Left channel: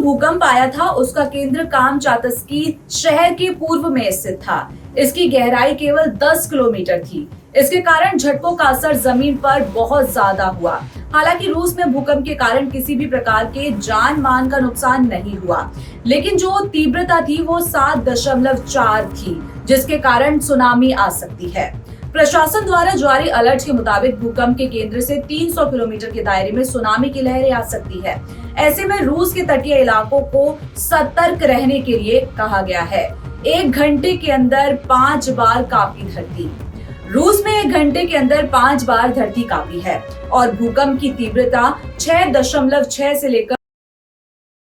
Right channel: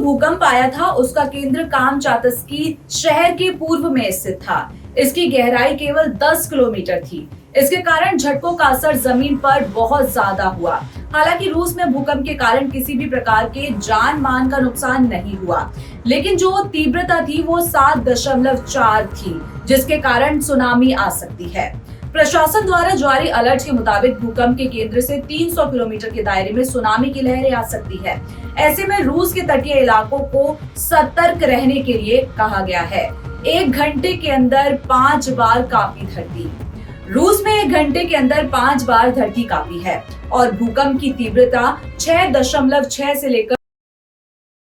भूकंप आया था उसका केंद्र कामचातस्की शहर के पूर्व में स्थित था। इसकी गहराई केवल 10 किलोमीटर थी। इसके कारण झटकों का असर जमीन पर बहुत ज्यादा हुआ। हालांकि रूस में भूकंप के कारण किसी भी प्रकार के जान मान का नुकसान नहीं हुआ, लेकिन जो तीव्रता थी वो 7.4 थी, जिसके कारण सुनामी आ सकती है। प्रशासन द्वारा जारी अलर्ट के मुताबिक भूकंप के केंद्र से 300 किलोमीटर के दायरे में सुनामी की लहरें आ सकती है। ऐसे में रूस के तटीय इलाकों को सतर्क रहने के लिए कहा गया है। 1 घंटे के अंदर 5 बार कांपी धरती। रूस में 1 घंटे के अंदर 5 बार धरती कांपी है और भूकंप की तीव्रता 6.6 से लेकर।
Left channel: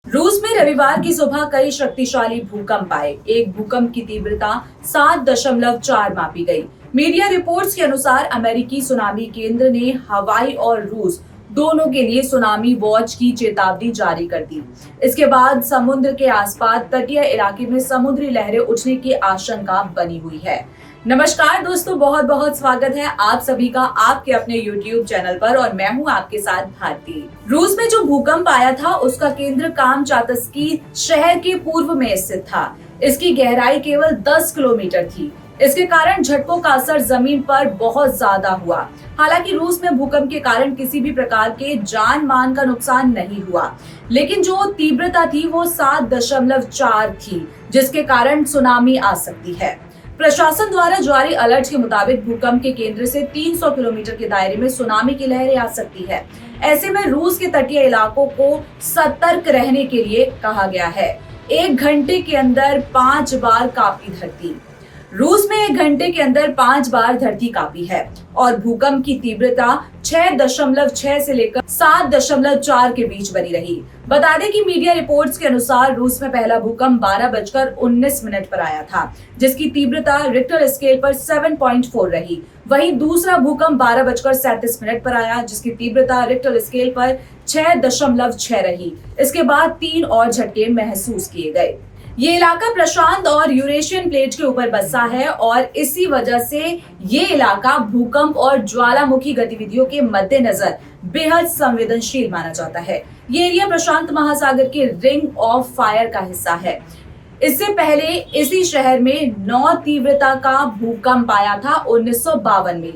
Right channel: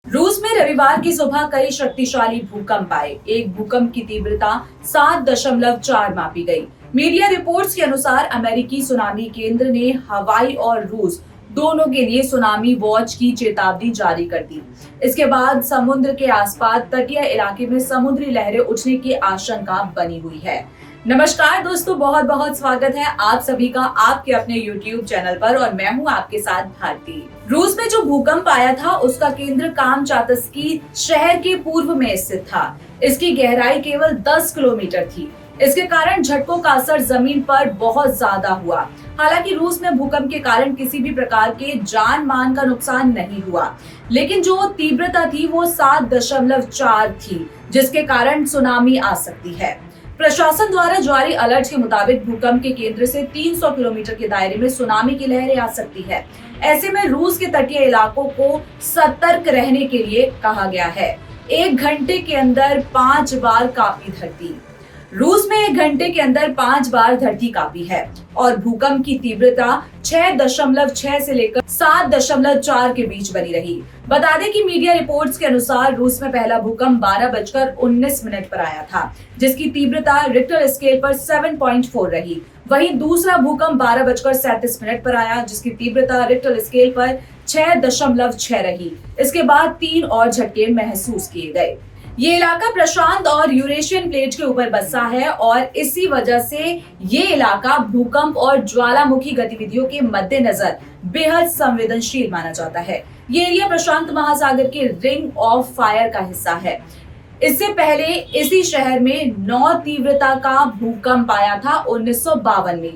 रूस में रविवार की सुबह कई शक्तिशाली भूकंप आए। एक भूकंप की तीव्रता 7.4 मापी गई। मीडिया रिपोर्ट्स के अनुसार अमेरिकी सुनामी केंद्र ने हवाई और रूस दोनों के लिए सुनामी वॉच की चेतावनी जारी कर दी। इसके बाद समुद्र के आसपास तटीय इलाके में समुद्री लहरें उठने की आशंका बनी हुई है। नमस्कार दोस्तों, बहुत बहुत स्वागत है आप सभी का आपके अपने YouTube चैनल पर और मैं हूं आपके साथ भारती। रूस में जो भूकंप आया था उसका केंद्र कामचातस्की शहर के पूर्व में स्थित था। इसकी गहराई केवल 10 किलोमीटर थी। इसके कारण झटकों का असर जमीन पर बहुत ज्यादा हुआ। हालांकि रूस में भूकंप के कारण किसी भी प्रकार के जान मान का नुकसान नहीं हुआ, लेकिन जो तीव्रता थी वो 7.4 थी, जिसके कारण सुनामी आ सकती है। प्रशासन द्वारा जारी अलर्ट के मुताबिक भूकंप के केंद्र से 300 किलोमीटर के दायरे में सुनामी की लहरें आ सकती है। ऐसे में रूस के तटीय इलाकों को सतर्क रहने के लिए कहा गया है। 1 घंटे के अंदर 5 बार कांपी धरती। रूस में 1 घंटे के अंदर 5 बार धरती कांपी है और भूकंप की तीव्रता 6.6 से लेकर 7.4 के बीच बनी रही। बता दें कि मीडिया रिपोर्ट्स के अनुसार रूस में पहला भूकंप 12:19 पर आया था, जिसकी तीव्रता रिक्टर स्केल पर 7.4 रही। वहीं दूसरा भूकंप 12:37 पर आया, जिसकी तीव्रता रिक्टर स्केल पर 6.6 रही। इसके बाद 3 और झटके महसूस किए गए। ये इलाका प्रशांत और यूरेशियन प्लेट के ऊपर बसा है और इसी वजह से ये इलाका भूकंप और ज्वालामुखी गतिविधियों के मद्देनजर बेहद संवेदनशील माना जाता है। ये एरिया प्रशांत महासागर के रिंग ऑफ फायर का हिस्सा है। इससे पहले इसी शहर में 9 तीव्रता का भूकंप आया था 1952 में।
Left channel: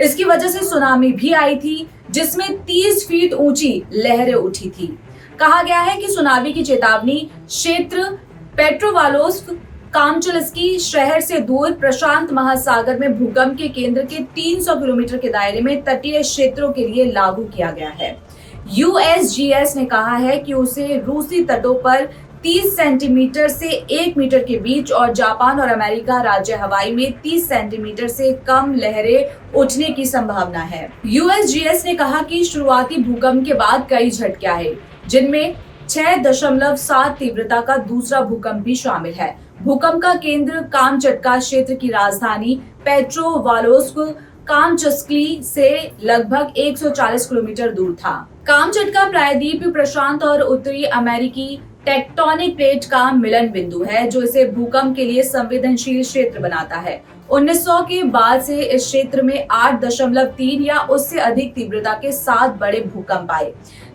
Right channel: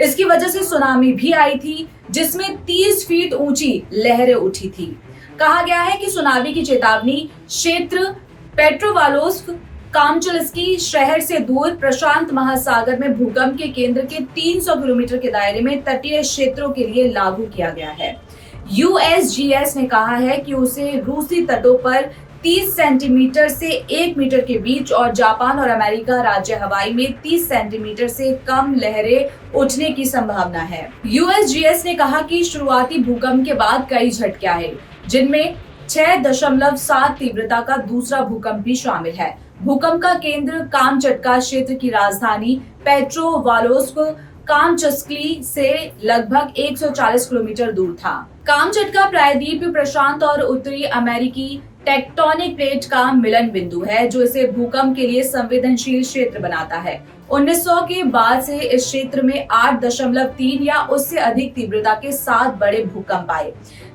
इसकी वजह से सुनामी भी आई थी, जिसमें 30 फीट ऊंची लहरें उठी थी। कहा गया है कि सुनामी की चेतावनी क्षेत्र पेट्रोवालोव्स्क कामचलस्की शहर से दूर प्रशांत महासागर में भूकंप के केंद्र के 300 किलोमीटर के दायरे में तटीय क्षेत्रों के लिए लागू किया गया है। यूएसजीएस ने कहा है कि उसे रूसी तटों पर 30 सेंटीमीटर से 1 मीटर के बीच और जापान और अमेरिका राज्य हवाई में 30 सेंटीमीटर से कम लहरें उठने की संभावना है। यूएसजीएस ने कहा कि शुरुआती भूकंप के बाद कई झटके आए, जिनमें 6.7 तीव्रता का दूसरा भूकंप भी शामिल है। भूकंप का केंद्र कामचटका क्षेत्र की राजधानी पेट्रोवालोव्स्क कामचस्की से लगभग 140 किलोमीटर दूर था। कामचटका प्रायद्वीप प्रशांत और उत्तरी अमेरिकी टेक्टोनिक प्लेट का मिलन बिंदु है, जो इसे भूकंप के लिए संवेदनशील क्षेत्र बनाता है। 1900 के बाद से इस क्षेत्र में 8.3 या उससे अधिक तीव्रता के 7 बड़े भूकंप आए।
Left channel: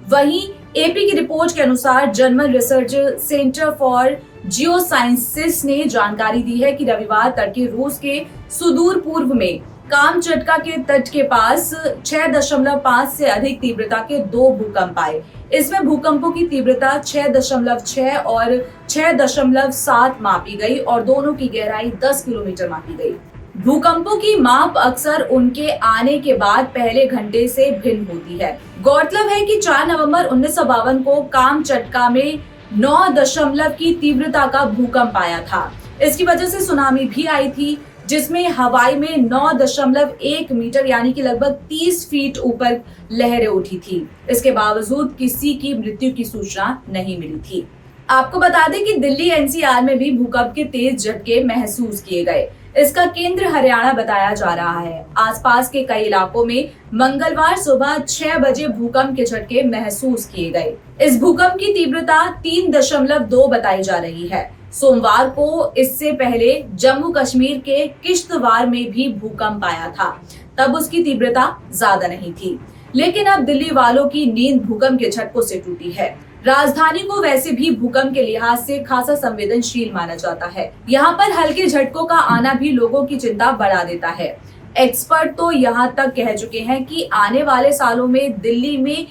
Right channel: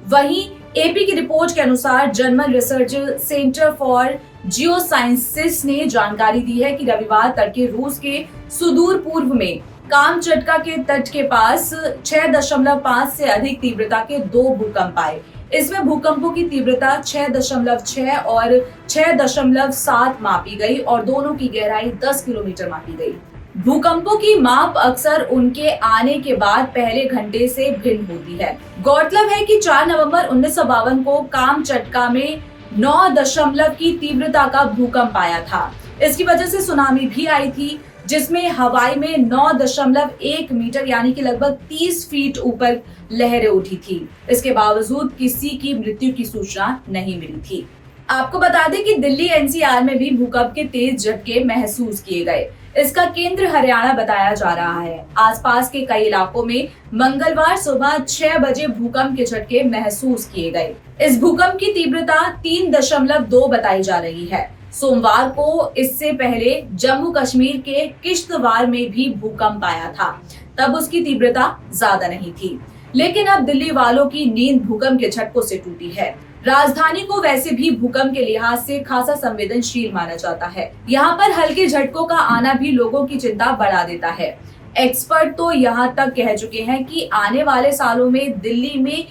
वहीं एपी की रिपोर्ट के अनुसार जर्मन रिसर्च सेंटर फॉर जियोसाइंसेस ने जानकारी दी है कि रविवार तड़के रूस के सुदूर पूर्व में कामचटका के तट के पास 6.5 से अधिक तीव्रता के 2 भूकंप आए। इसमें भूकंपों की तीव्रता 6.6 और 6.7 मापी गई और दोनों की गहराई 10 किलोमीटर मापी गई। भूकंपों की माप अक्सर उनके आने के बाद पहले घंटे से भिन्न होती है। गौरतलब है कि 4 नवंबर 1952 को कामचटका में 9 की तीव्रता का भूकंप आया था। इसकी वजह से सुनामी भी आई थी, जिसमें हवाई में 9.1 मीटर यानी कि लगभग 30 फीट ऊपर लहरें उठी थी। इसके बावजूद किसी की मृत्यु की सूचना नहीं मिली थी। आपको बता दें कि दिल्ली एनसीआर में भी भूकंप के तेज झटके महसूस किए गए। इसका केंद्र हरियाणा बताया जा रहा है। आसपास के कई इलाकों में मंगलवार सुबह 6 बजे भूकंप के झटके महसूस किए गए। इस भूकंप की तीव्रता 3.2 बताई जा रही है। सोमवार को इससे पहले जम्मू कश्मीर के किश्तवाड़ में भी भूकंप आया था, तब उसकी तीव्रता ज्यादा नहीं थी। लेकिन अब दिल्ली वालों की नींद भूकंप के झटकों से टूटी है। राजधानी को वैसे भी भूकंप के लिहाज से खासा संवेदनशील माना जाता है। यहाँ पर हल्के झटकों का आना भी लोगों की चिंता बढ़ा देता है। एक्सपर्ट तो यहाँ तक कह चुके हैं कि आने वाले सालों में दिल्ली में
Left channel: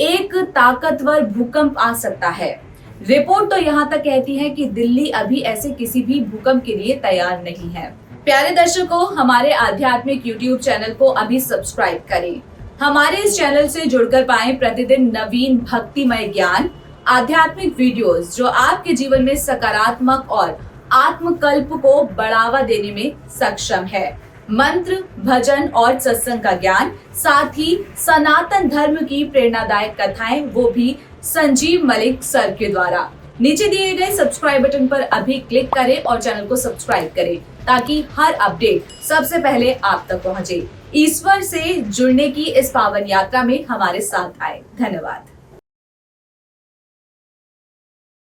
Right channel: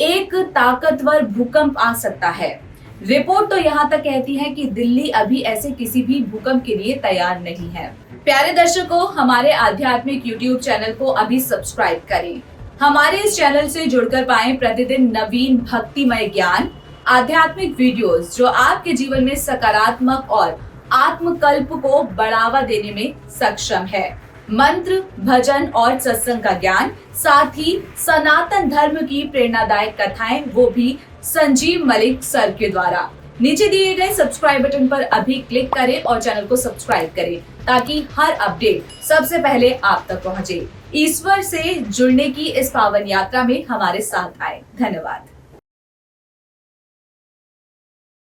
एक ताकतवर भूकंप आ सकता है। रिपोर्ट तो यहाँ तक कहती है कि दिल्ली अभी ऐसे किसी भी भूकंप के लिए तैयार नहीं है। प्यारे दर्शकों, हमारे आध्यात्मिक यूट्यूब चैनल को अभी सब्सक्राइब करें। हमारे इस चैनल से जुड़कर पाएं प्रतिदिन नवीन भक्तिमय ज्ञान, आध्यात्मिक वीडियोस जो आपके जीवन में सकारात्मक और आत्मकल्प को बढ़ावा देने में सक्षम है। मंत्र, भजन और सत्संग का ज्ञान, साथ ही सनातन धर्म की प्रेरणादायक कथाएं, वो भी संजीव मलिक सर के द्वारा। नीचे दिए गए सब्सक्राइब बटन पर अभी क्लिक करें और चैनल को सब्सक्राइब करें ताकि हर अपडेट सबसे पहले आप तक पहुंचे। ईश्वर से जुड़ने की इस पावन यात्रा में हमारे साथ आए। धन्यवाद।